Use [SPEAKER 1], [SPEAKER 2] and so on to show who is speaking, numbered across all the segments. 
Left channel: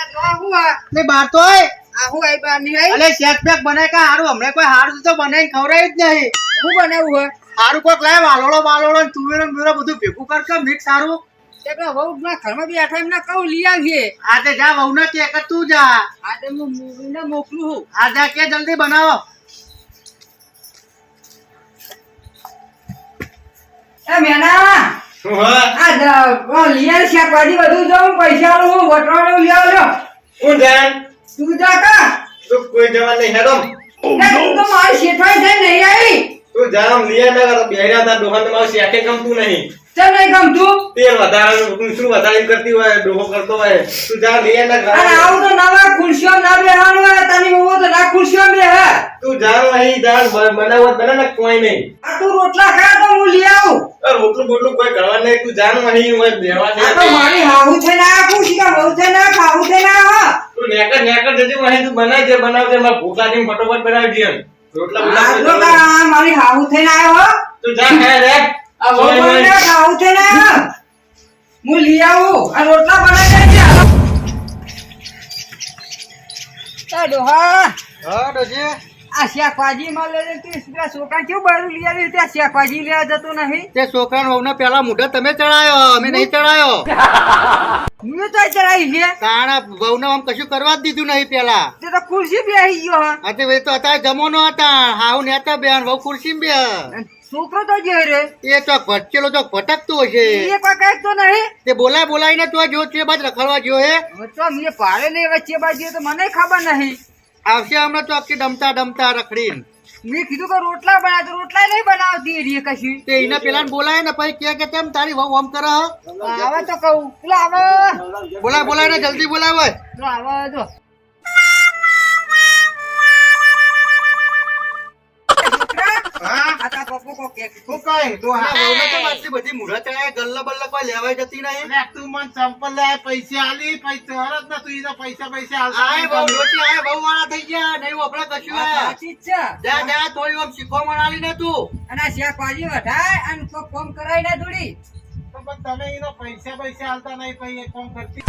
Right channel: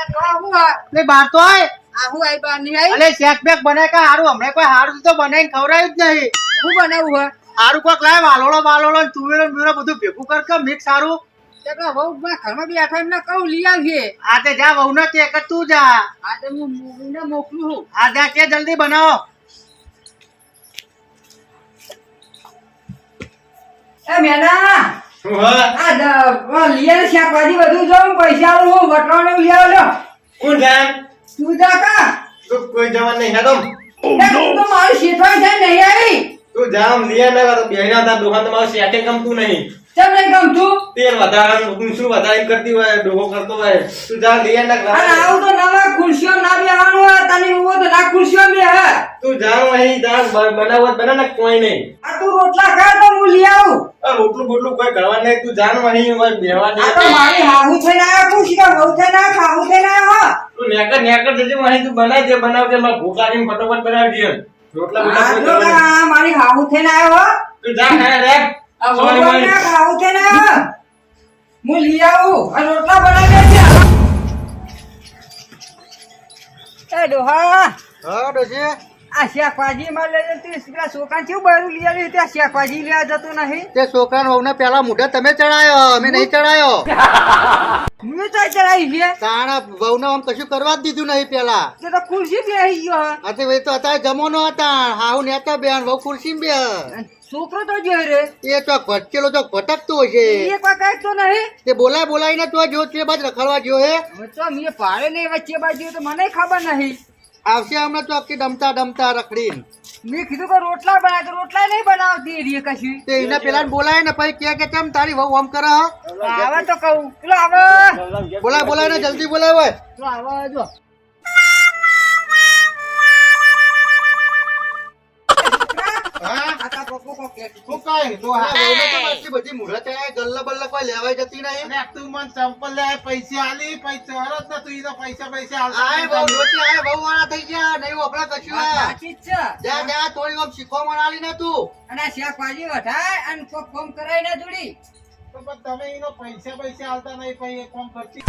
[SPEAKER 1] આ તો
[SPEAKER 2] બાર તો અલે શેક બેક બનાય કા હારું? હમણે કોઈ હારું તો બનાવીને ખવડાવ્યું જ નહીં.
[SPEAKER 1] હું બનાવું હોય
[SPEAKER 2] હારું કોક લાય વાલોળો વાલોળો ને તુવેરો ને બધું ભેગું કર કે મિક્સ હારું.
[SPEAKER 1] તે વહુ ના ઘરમાં બી આઠા એમને કહું લઈ આવીએ.
[SPEAKER 2] આ તે જા વહુ ને કે કે તું જા.
[SPEAKER 1] આ તો હું મૂવીને મોકલું છું.
[SPEAKER 2] આ જા કે જલ્દી બનાવો.
[SPEAKER 1] એ મેના! આ આવ શાકભાજી બધું જો હું પૈસા હું વટવાનું લઈ આવ લો
[SPEAKER 3] કોણ
[SPEAKER 1] તું જા કા.
[SPEAKER 3] તું કોઈ જવાન નહીં હેડો.
[SPEAKER 1] એ તું તો મારું શેઠવાઈ જાય નહીં આવી.
[SPEAKER 3] તું જામ લીએ ના કર બેડા તા દોહન તમારું શેઠે ગમતું નહીં.
[SPEAKER 1] ચમ નહીં ગમતું?
[SPEAKER 3] તેલ વધારે શું વધારે કરતી હોય ડોહો કરતો હોય તું જા લઈ ના
[SPEAKER 1] અને
[SPEAKER 3] કર
[SPEAKER 1] આવું તો નવા ખુરશીઓ ના બેહવાનું હોય તને એવું તો ના ખુરશીઓ હે
[SPEAKER 3] તું જા અહીં જા બનાવત બના ને કોઈ નહીં.
[SPEAKER 1] આ તું રોટલા ખા તો હું લઈ આવું.
[SPEAKER 3] રોટલું બોટલું કોઈ કરવા નહીં તું જાણ અહીં હોય બેવા
[SPEAKER 1] નહીં તો મારી હાહુ છે ના ખુશી કા બહુ છે ના ખાવું છે ના હો.
[SPEAKER 3] તું નેકર નેકર જજે અહીં તું બનાવજે બનાવજે મારા ભૂખ લાગીને ફટોફટ બનાવજે રોટલા
[SPEAKER 1] આ
[SPEAKER 3] બોટલા કોઈ
[SPEAKER 1] જો
[SPEAKER 3] કરવા નહીં.
[SPEAKER 1] કા મારી હાહુ થઈને આવ્યો હો.
[SPEAKER 3] તું જા હે રે.
[SPEAKER 1] બહુ બહુ. ના ખાવું છે ના હું લઈ આવું આ રોટલા બનાવી એ ડોહા.
[SPEAKER 2] હા ડોશી.
[SPEAKER 1] આ શાકભાજી માં લઈ જતી પેલા છોકરા કેવું બરું લઈ આવી ત્યાં શાકભાજી લેવા જતો નહીં.
[SPEAKER 2] તે છોકરા વહુ ને પેલા મુઢે તમે ચડાયો અમે નહીં ચડાયો.
[SPEAKER 1] મેં તો ચડાવી છે.
[SPEAKER 2] તાણા વહુ ને આમ કશું કરવા જ દીધું નહીં પેલા.
[SPEAKER 1] તે તો ખુરશી બેસી ગયો. હે.
[SPEAKER 2] તે તો અત્યારે જમવાનો હતા. હાવ નેતા બેન વહુ ખુરશી બે
[SPEAKER 1] છોકરો તો જે રે
[SPEAKER 2] એ ચોક ભટકેલો તો ભટકતો હશે
[SPEAKER 1] એ કોઈ કંઈક તો નહીં.
[SPEAKER 2] તે બોલાય બોલાય તો જો તે બાદ રખડવા ગયો હે.
[SPEAKER 1] તો મે પાડે નહીં વચ્ચે બાજુ તો મને ખબર નહીં.
[SPEAKER 2] આવશે હમણાં ચોક આખી ડમતા ડમતા રખડીને.
[SPEAKER 1] મેં કીધું કે રોટલા બનાય તો રોટલા નહીં બનાવતી રે કશી.
[SPEAKER 2] તે એના પેલા બોલાય ને પછી કે કે કેમ તારી વહુ આમ કરે હે?
[SPEAKER 1] આવે તો કહું. પેલો આવે.
[SPEAKER 2] બોલાય બોલાય ને જલ્દી બોલાય હોય
[SPEAKER 1] આવે જો.
[SPEAKER 2] કાંઈ? તો હા, વહુને તો આટલી બધી મુહૂર્ત ગલ્લા બલ્લા કોઈ લેવાય જતી નહીં.
[SPEAKER 4] તું મને ચંપલ લે પૈસા આલી પૈસા હરત ને તું પૈસા પૈસા
[SPEAKER 2] આય વાળા થઈ ગયા, નહીં વપરા કશું
[SPEAKER 1] સાચી છે
[SPEAKER 2] જા, જા, થોડી વખત શીખવા આલી ને તું.
[SPEAKER 1] અને શેખ શાકભાજી વઢાય અને કોમ કરાય ના થોડી
[SPEAKER 4] પણ તમે ઈને પૈસા પૈસા આલતા નહીં પછી એક કામ કરતી.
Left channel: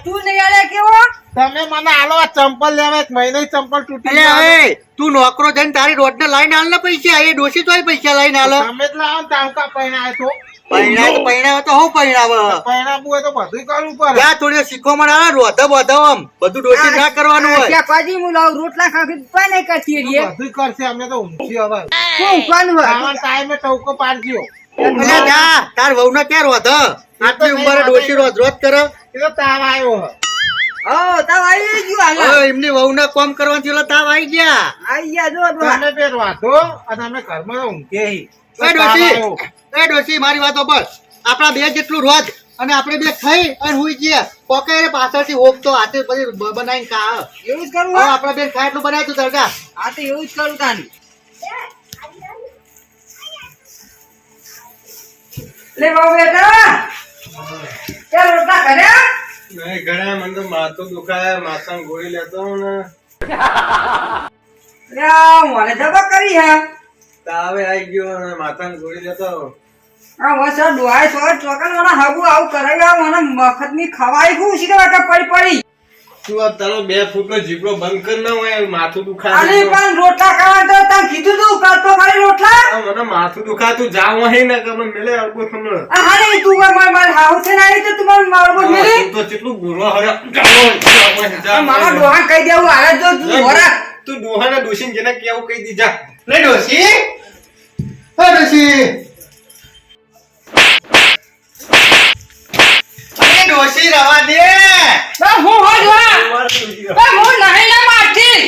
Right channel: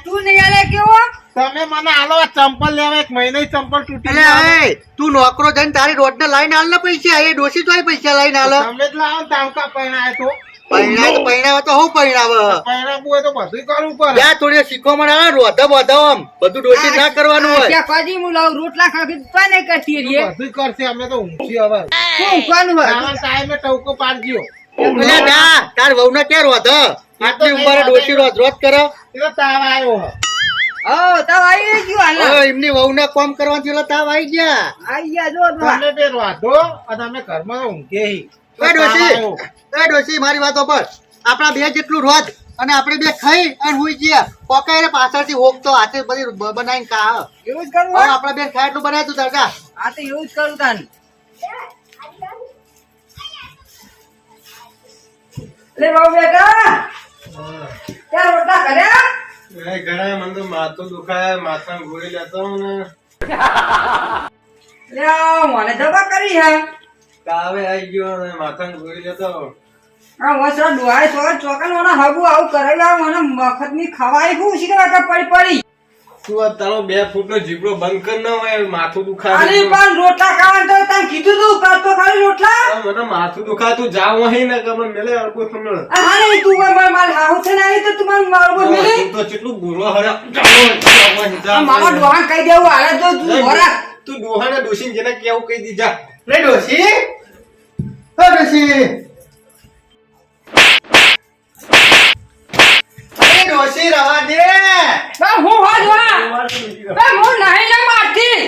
[SPEAKER 1] તું નહીં આલે કેવો?
[SPEAKER 4] તમે મને આલો આ ચંપલ લેવા એક મહિને ચંપલ તૂટી
[SPEAKER 2] હવે તું નોકરો જઈને તારી રોડ ને લઈને આલ ને પૈસા એ ડોસી તો પૈસા લઈને આલો.
[SPEAKER 4] તમે જ લાવો તાવકા પૈણાય તો.
[SPEAKER 2] પૈણા તો તો હું પૈણાવે
[SPEAKER 4] પૈણાવું હોય તો બધું કરવું પડે.
[SPEAKER 2] જા થોડી વાર શીખવામણ આલે રોધા બોધા આમ. બધું ડોશી ના કરવાનું
[SPEAKER 1] આ
[SPEAKER 2] હોય.
[SPEAKER 1] શાકભાજી હું લાવું રોટલા ખાખી તો નહીં કરતી રે
[SPEAKER 4] બધું કરશે અમે તો ઊંઘી હવે.
[SPEAKER 1] શું ઊંઘવાનું હોય?
[SPEAKER 4] ટાઈમે ટવકો પાડજો.
[SPEAKER 2] તાર વહુ ને ક્યાં રોધ આટલી ઉંમરે ડોશી રોજ રોજ કરે?
[SPEAKER 4] એ તાવ આવ્યો હે.
[SPEAKER 1] તાવ આવી ગયું હાલ.
[SPEAKER 2] એમની વહુ ને કોમ કરવાથી ઓલા તાવ આવી ગયા.
[SPEAKER 1] આઈ ગયા જો
[SPEAKER 4] તમે બે વાંધો અને અમે ઘરમાં ઊંઘે
[SPEAKER 2] એ ડોશી એ ડોશી મારી વાતો પર. આપણા બે જેટલું રોજ અને આપણે બે ખાઈ અને હુઈ ગયા. પોકાય પાછળથી હોકતો હાથે બધી બ- બનાવીને ખા
[SPEAKER 1] એવું જ કરવું
[SPEAKER 2] આપણે બે ખાય એટલું બનાવ્યું તું
[SPEAKER 1] આ તો એવું જ કરું તાન. લે બાબુ બેટા. તે રોટલા કર્યા
[SPEAKER 3] નહીં ઘણા મને તો માથું દુખાય માથા ગોળી લેતો હું ને.
[SPEAKER 1] લે મને જબા કરી હે.
[SPEAKER 3] તાવે આવી ગયો અને માથા ગોળી લેતો
[SPEAKER 1] આ વસા ડોહાય સો ચોકન મને હગુ આવું કરાવ્યા મને મફતની ખવાય હું શીખવા કે પડી પડી.
[SPEAKER 3] તું આ તારો બે ફૂટ જીબડો બંધ કર ના હોય માથું દુખાય
[SPEAKER 1] અરે પણ રોટલા ખાવા તો તને કીધું તું કરતો ખાલી રોટલા.
[SPEAKER 3] મને માથું દુખાય જાવ અહીં ને કે મને મેલે અડકો તમને.
[SPEAKER 1] આ તું માર માર હાઉ છે ના તો તું માર મારો બોલ
[SPEAKER 3] તો કેટલું બુરો હરે.
[SPEAKER 1] મારા ડોહા કહી દેવું હાલે જો તું હોરા.
[SPEAKER 3] તું ડોહાને ડોશીને જેને કેવું કહી દીધા
[SPEAKER 2] લે ડોશી. એ ડોશી. એ ડોશી રવા દે.
[SPEAKER 1] બા હું નહીં ના મારતી.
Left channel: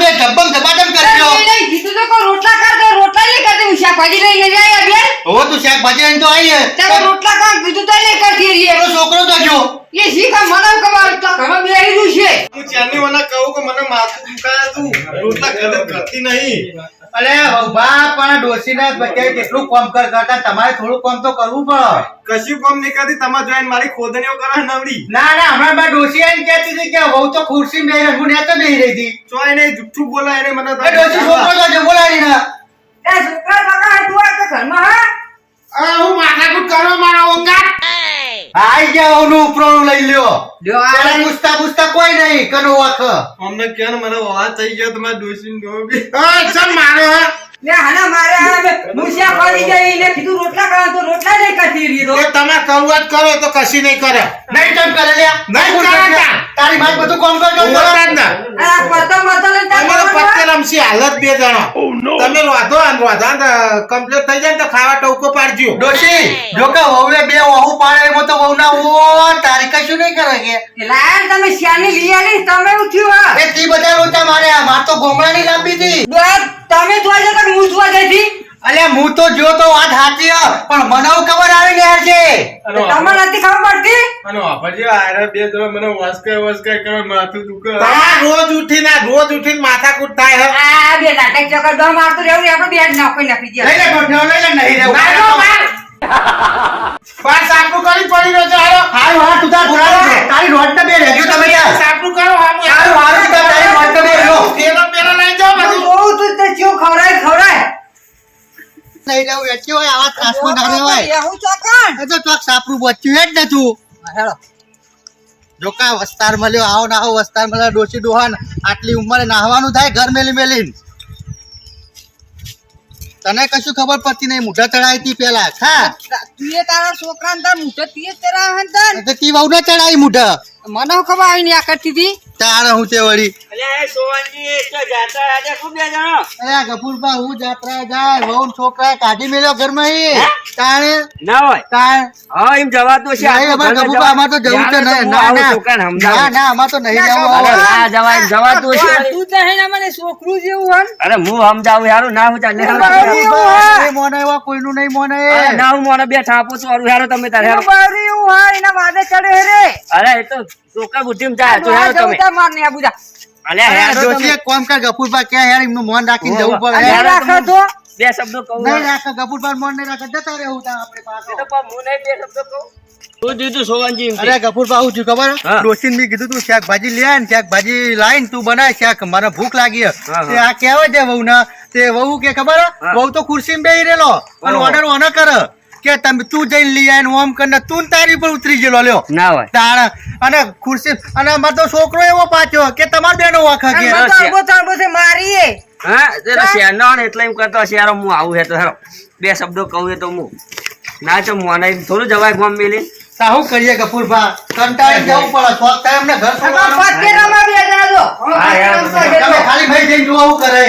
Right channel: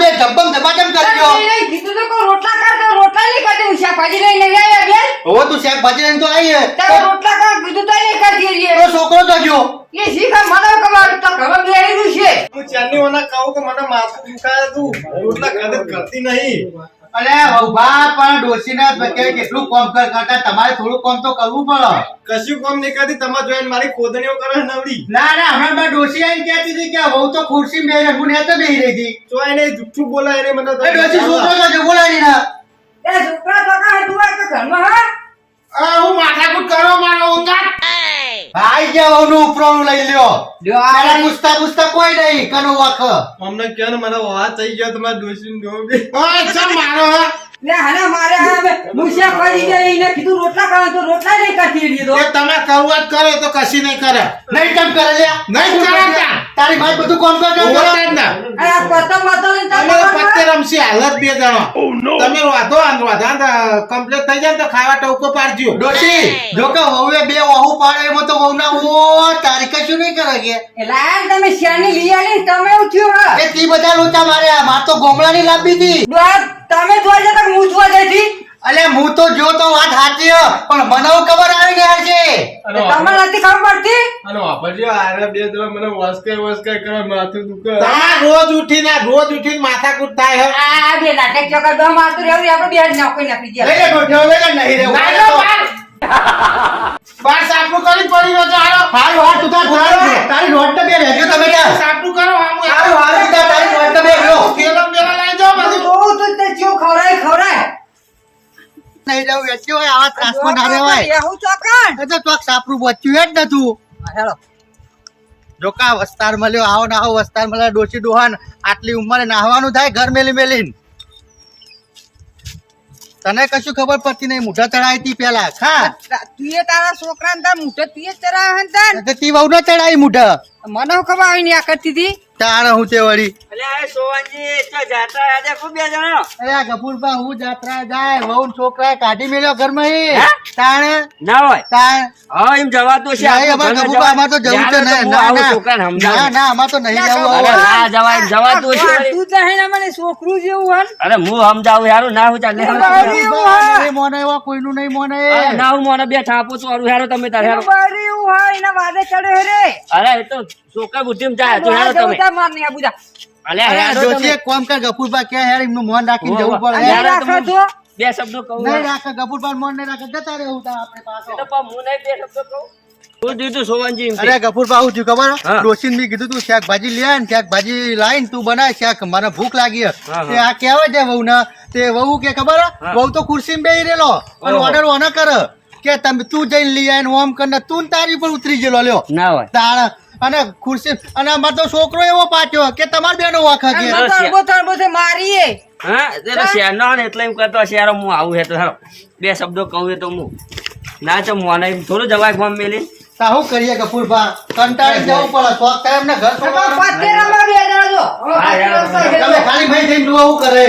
[SPEAKER 2] બે ધબ્બમ ધબાધમ કરજો
[SPEAKER 1] કીધું તો કોઈ રોટલા કર તો રોટલા નહીં કરતી. હું શાકભાજી લઈને લઈ બેન
[SPEAKER 2] હવે તું શાકભાજી લઈને તો આવી હે.
[SPEAKER 1] રોટલા કર કીધું તો નહીં કરતી રે
[SPEAKER 2] તારો છોકરો તો જો.
[SPEAKER 1] એ શીખા મને કમાલ? તો ઘરમાં બેહી છે
[SPEAKER 3] હું ચારની ઓના કહું કે મને માથું દુખાય તું રોટલા કરતી નહીં.
[SPEAKER 2] અરે ઊભા પણ ડોશીને બચાવે કેટલું કોમ કર કરતા તમારે થોડું કામ તો કરવું પડે.
[SPEAKER 3] કશું કોમ નહીં કરતી તમારે જોઈને મારી ખોદણીઓ કરે નવડી
[SPEAKER 2] ના ના હમણાં બા ડોશી આવીને કહેતી હતી કે વહુ તો ખુરશી બેહી રહી હું નેતો બેહી રહી હતી.
[SPEAKER 3] તો એને જુઠ્ઠું બોલાય એને મને
[SPEAKER 2] ડોસી છોકરો તો જો બોલાવી ના.
[SPEAKER 1] એ છોકરા છોકરા તું આ તો ઘરમાં હા
[SPEAKER 4] આ હું માથાકૂટ કરવા મારો ઓંગાટ
[SPEAKER 2] ભાઈ ગયા વહુનું ઉપરાણું લઈ લ્યો
[SPEAKER 1] લ્યો, આ
[SPEAKER 2] પેલા. પૂછતા પૂછતા કોઈ નહીં કનો વાખ
[SPEAKER 3] અમને કે ને મને વાત થઈ ગયો તમારે ડોસીને ડોબી
[SPEAKER 4] હા ચમ મારો હે?
[SPEAKER 1] લે હાના મારે હવે મુસિયા પડી ગઈ ને કીધું રોટલા ખાવા તો રોટલા નહીં કરતી રીધો
[SPEAKER 4] એ તમે કરુઆત કરો તો કશી નહીં કરે
[SPEAKER 2] નહીં તમ કરે લ્યા
[SPEAKER 4] નહીં કરે.
[SPEAKER 2] તારી ભાઈ બધું કોમ કર કર
[SPEAKER 4] જ ને.
[SPEAKER 1] આ પતંગ બતંગ
[SPEAKER 4] તમે પત્તે રમશી હાલત બે જણો. તમે વાતો આન વાતો કમ્પ્લીટ થઈ જાય તો ખાવા ટોકો પાડજો.
[SPEAKER 2] ડોટી જો કે વહુએ બે વહુ પાડે એમ તો વહુના ઓ તારી કશું નહીં કરે કે?
[SPEAKER 1] હોય? તમે શ્યાની લઈ આલી તમે ઉઠ્યો થયું હા
[SPEAKER 2] એ તી બધા લોચા મારે માર તો ગોમડાની લાંબી હતી.
[SPEAKER 1] તમે જોઈ જતા કે હું જોવા જઈ હતી?
[SPEAKER 2] અલે હું તો જો તો વાત સાચી હ, પણ મને ખબર આવી ગઈ છે
[SPEAKER 1] તમારે નથી ખબર પડતી
[SPEAKER 3] અને વાપરજો આરે બે જણા મને વસકાય વસકાય કરે માથું દુખે
[SPEAKER 4] તમારે રોજ ઉઠીને રોજ ઉઠીને માથાકૂટ થાય હે
[SPEAKER 1] આ બે નાટક ચક્કર દો મારતું રહેવું આપણે બે જ નાખી નાખી
[SPEAKER 2] લઈ
[SPEAKER 1] દે
[SPEAKER 2] લે ગોઠિયો, લઈ લે નહીં રે
[SPEAKER 4] બાર લો, બાર. સાપનું કરી પડી રહ્યો છે હાલો.
[SPEAKER 2] હાલ હારું, તું તાર છે. તારી રોડ ને બે રહેજો તમે.
[SPEAKER 4] સાપનું કરો. હાલ
[SPEAKER 2] હારું, તું તાર નહીં રહેવું, એટલી હોય, આવા ત્રાસમાં ના રહેવાય.
[SPEAKER 1] એવું ચોકન
[SPEAKER 2] એ તો ચોક સાપરું બચ્યું જ નતું.
[SPEAKER 1] હેલો.
[SPEAKER 2] જો કા વસ્તાર મળ્યો આવો ના આવો વસ્તાર મળ્યો ડોશી ડોહાન આટલી ઉંમરે નાહવાનું થાય ઘર મેલી મેલીન. તને કશું ખબર પડતી નહીં મૂઢા ચડાવી હતી પેલા ખા
[SPEAKER 1] તું તારા છોકરાને તાર મુઠે તું એ ચરાવે ને તાર
[SPEAKER 2] તે તી વહુ ને ચડાવી મુઢા.
[SPEAKER 1] મને હું ખબર આવી આ કરતી હતી?
[SPEAKER 2] તારે હું તે વળી?
[SPEAKER 5] અલ્યા એ સોવનજી તો જાત્રા આજે ખૂબ બે જણો?
[SPEAKER 2] અરે ગફુરબા હું જાત્રા જાય વહુ છોકરા કાઢી મેલ્યો ઘરમાં ઈ તાણે?
[SPEAKER 5] ના હોય.
[SPEAKER 2] તાણ?
[SPEAKER 5] હા એમ જવાતું છે
[SPEAKER 2] નહીં, ગફુરબા, અમારે તો જવું છે
[SPEAKER 5] જ્યારે
[SPEAKER 2] નહીં.
[SPEAKER 5] તો હું
[SPEAKER 2] ના,
[SPEAKER 5] આવું
[SPEAKER 2] ના.
[SPEAKER 5] છોકરાને
[SPEAKER 2] ના ના અમારે તો નહીં જવું
[SPEAKER 5] ના જવાય એમ છે
[SPEAKER 1] તું તો હે મને છોકરું જેવું હન.
[SPEAKER 5] અરે હું સમજાવું યાર ના હું ચાલે.
[SPEAKER 2] નહીં મોને એવા કોઈનું નહીં મોને.
[SPEAKER 5] ના હું મોને બે ઠાપું છું અરું તમે તારે
[SPEAKER 1] એવું એના વાદે ચડે રે.
[SPEAKER 5] અરે એ તો છોકરા બુદ્ધિમાં જાય તો હેરો તમે.
[SPEAKER 1] જવું આ બધા.
[SPEAKER 5] અલ્યા હેરો
[SPEAKER 2] જોશી
[SPEAKER 5] તમે.
[SPEAKER 2] કર ગફુરબા ક્યાં યાર એમનું મોન રાખીને જવું પડે.
[SPEAKER 1] રાખો તો.
[SPEAKER 5] બે શબ્દો કહું
[SPEAKER 2] નહીં રાખે ગફુરબા મોન નહીં રાખે જતા રહેવું તા આપણે
[SPEAKER 5] એ તો પણ હું નહીં બે શબ્દો કહું. તું દીધું સોવનજી
[SPEAKER 2] અરે ગફુરબા હું થયું ખબર?
[SPEAKER 5] હા.
[SPEAKER 2] ડોશીને કીધું તું શાકભાજી લે ને શાકભાજી લાઈન તું બનાય શાક. મને ભૂખ લાગી તે આ કહેવાય છે વહુ ના તે વહુ કે ખબર? હે? વહુ તો ખુરશીમાં બેહી રેલો અને. ઓર્ડર ઓને કર. કે તમે તું જઈને લઈ આય ઓમ કરીને તું તારી પર ઉતરી ગયેલો લ્યો.
[SPEAKER 5] ના હોય.
[SPEAKER 2] તારા અને ખુરશી અને અમાર તો છોકરો એવો પાછો કે તમાર બેનો વાખા કે
[SPEAKER 1] મારીએ
[SPEAKER 5] હા જરા શેરનો એટલે એમ કરતો શેરો હું આવું હે તો હેરો બે શબ્દો કહું હે તો હું. ના તો મોને થોડું જવાય ગોમ મેલી.
[SPEAKER 2] સાહુ કરીએ કપૂરભા કંટાળી જવું પડે. શોખ એમને ઘર છોડવાનું.
[SPEAKER 1] બે જણા જો.
[SPEAKER 5] હા, યાર,
[SPEAKER 2] તમે ખાલી ભાઈ જઈને કરે.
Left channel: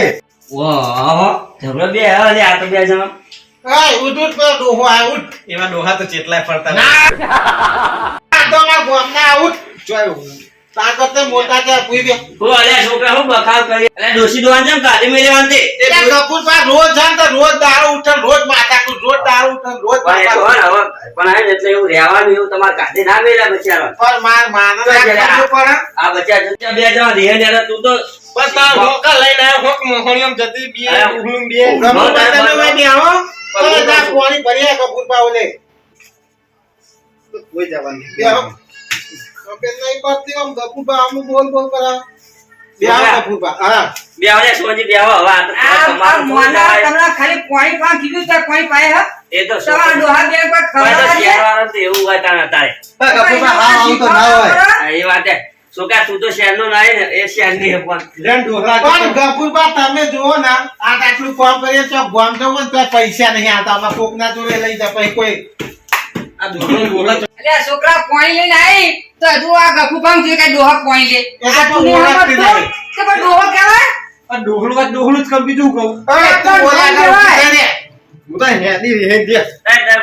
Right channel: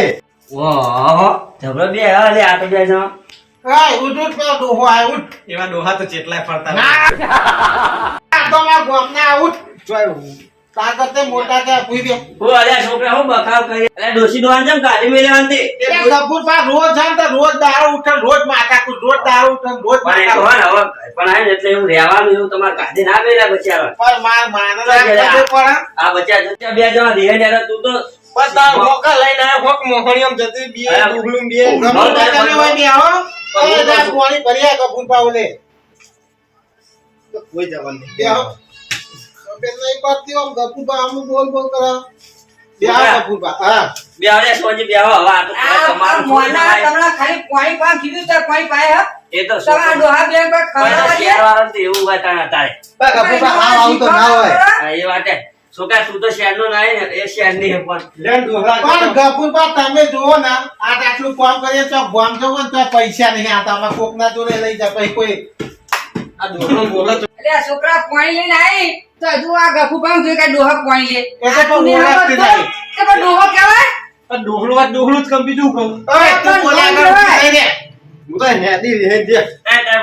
[SPEAKER 5] ઓહો જબરો બે હવે આ તો બે જણો.
[SPEAKER 4] ઓય, ઉઠ, ઉઠ, ડોહો આયો, ઉઠ.
[SPEAKER 3] એવા ડોહા તો ચેટલાય ફરતા
[SPEAKER 4] ના. તો અમારા ગામના આ ઉઠ. જોય, તાર મોટા ત્યાં ભૂઈ બે.
[SPEAKER 5] હું અલ્યા છોકરા હું બખાવ કરી અલ્યા ડોસી દોવાન જેમ કાઢી મેળવાની
[SPEAKER 4] એ ગફુરભા રોજ જાય તો રોજ દારૂ ઉઠે ને રોજ માથાકૂટ, રોજ દારૂ ઉઠે ને રોજ
[SPEAKER 5] પણ એ તો
[SPEAKER 4] માથાકૂટ.
[SPEAKER 5] હોય ને હવે પણ આ એટલે એવું રહેવાનું એવું તમારે કાઢી ના મેળ્યા બચારા
[SPEAKER 4] પણ માર માને
[SPEAKER 5] તો
[SPEAKER 4] ના
[SPEAKER 5] જરા.
[SPEAKER 4] ખબર પડે.
[SPEAKER 5] આ બચ્ચા બે જણા રહે ને તું તો
[SPEAKER 3] બસ તાર હોકા લઈને આયો, હોક મોહણીયામ જતી બે,
[SPEAKER 4] તમે આવો. જા, પાણી ભરી આ ગફુરભા
[SPEAKER 3] કોઈ જવાનું નહીં.
[SPEAKER 4] બે નહીં પડતી આમ ગફુરભા આમ બોલ બોલ કરે. બે આવો ગફુરભા. હા.
[SPEAKER 5] બે આવડે સોજી બે હવે આ તો
[SPEAKER 1] આ આ
[SPEAKER 5] તમારું
[SPEAKER 1] મોના તમને ખાલી પાણી પાણી કીધું છે પાણી પાય હ.
[SPEAKER 5] એ તો
[SPEAKER 1] તમારા ડોહા બે પર
[SPEAKER 5] કોઈ તો તો એવું હોય તારે
[SPEAKER 2] આવું તો ના હોય.
[SPEAKER 5] એ વાત છોકરા તું તો શહેરનો ના આય એ શહેરની હે પણ.
[SPEAKER 3] લેન ડોહા
[SPEAKER 4] પણ ગફુરભા તમે જુઓ ને આ આટલું કામ કરીએ તો ગામ જવું ને તો પૈસા નહીં આવતા. આમાં કોકના જોડે લઈ પછી કોઈ
[SPEAKER 3] આ ડોહલો બોલો તો.
[SPEAKER 1] અલ્યા છોકરા પાણી લઈને આવી તો હજુ આ ગફુ કામ થયું કે ડોહા પાણી લે.
[SPEAKER 4] તો
[SPEAKER 1] આ તું નહીં?
[SPEAKER 4] નહીં.
[SPEAKER 1] તો પણ ડોહો કહેવાય?
[SPEAKER 3] આ ડોહલું આ ડોહલું જ કમ બીજું કહું.
[SPEAKER 4] અરે તું બોલા કર,
[SPEAKER 3] હું તો હેડી હેડી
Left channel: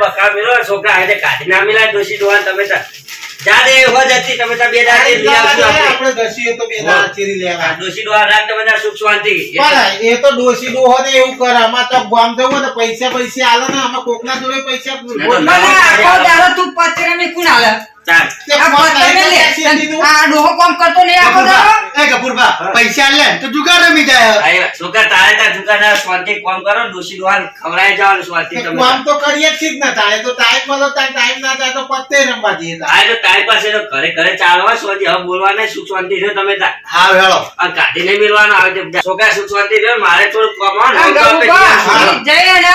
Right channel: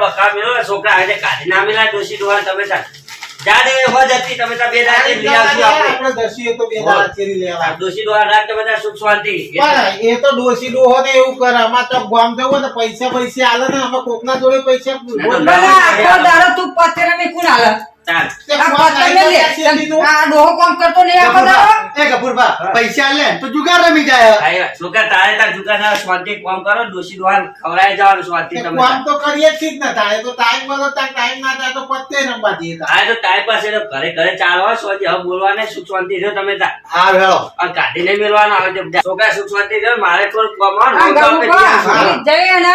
[SPEAKER 5] બકા મેલો છોકરા આજે કાઢી ના મેલા ડોસી દોવાન તમે જા દે હો જતી તમે તાર બે દાડે લઈ આવજો આપણે.
[SPEAKER 4] દોશી તો બે દાડા ચીરી લેવા.
[SPEAKER 5] દોશી દો રાખ તમે તાર સુખ શાંતિ.
[SPEAKER 4] પણ એ તો ડોસી ડોહો ને એવું કરે. આમાં તો ગામ જવું ને પૈસા પૈસા આલે ને અમે કોકના જોડે પૈસા
[SPEAKER 5] તો
[SPEAKER 1] ના આખો દાડો તું પત્તેરા ને કોણ હાલે
[SPEAKER 2] પૈસા લે તો જુગાર રમી જાય.
[SPEAKER 5] છોકરા તારે તાર કામ કરો ડોસી ખવડાય જવાનું તમે.
[SPEAKER 4] કામ તો કરીએ જ ને તો ટાઈમ મળે તો ટાઈમ ના થાય તો પત્તે રમવા જઈએ
[SPEAKER 5] આ તો તારી પાસે તો ઘરે ઘરે ચાલવા શાંતિ. હવે બોલવાના સુખ શાંતિ રહ્યો તમે તાર
[SPEAKER 2] હા વેળો.
[SPEAKER 5] આ કાઢીને મેલવાનો આવે. છોકરા સુખ શાંતિ રહ્યો મારે થોડું કમાવાનું ને, જ્યાં
[SPEAKER 1] ને.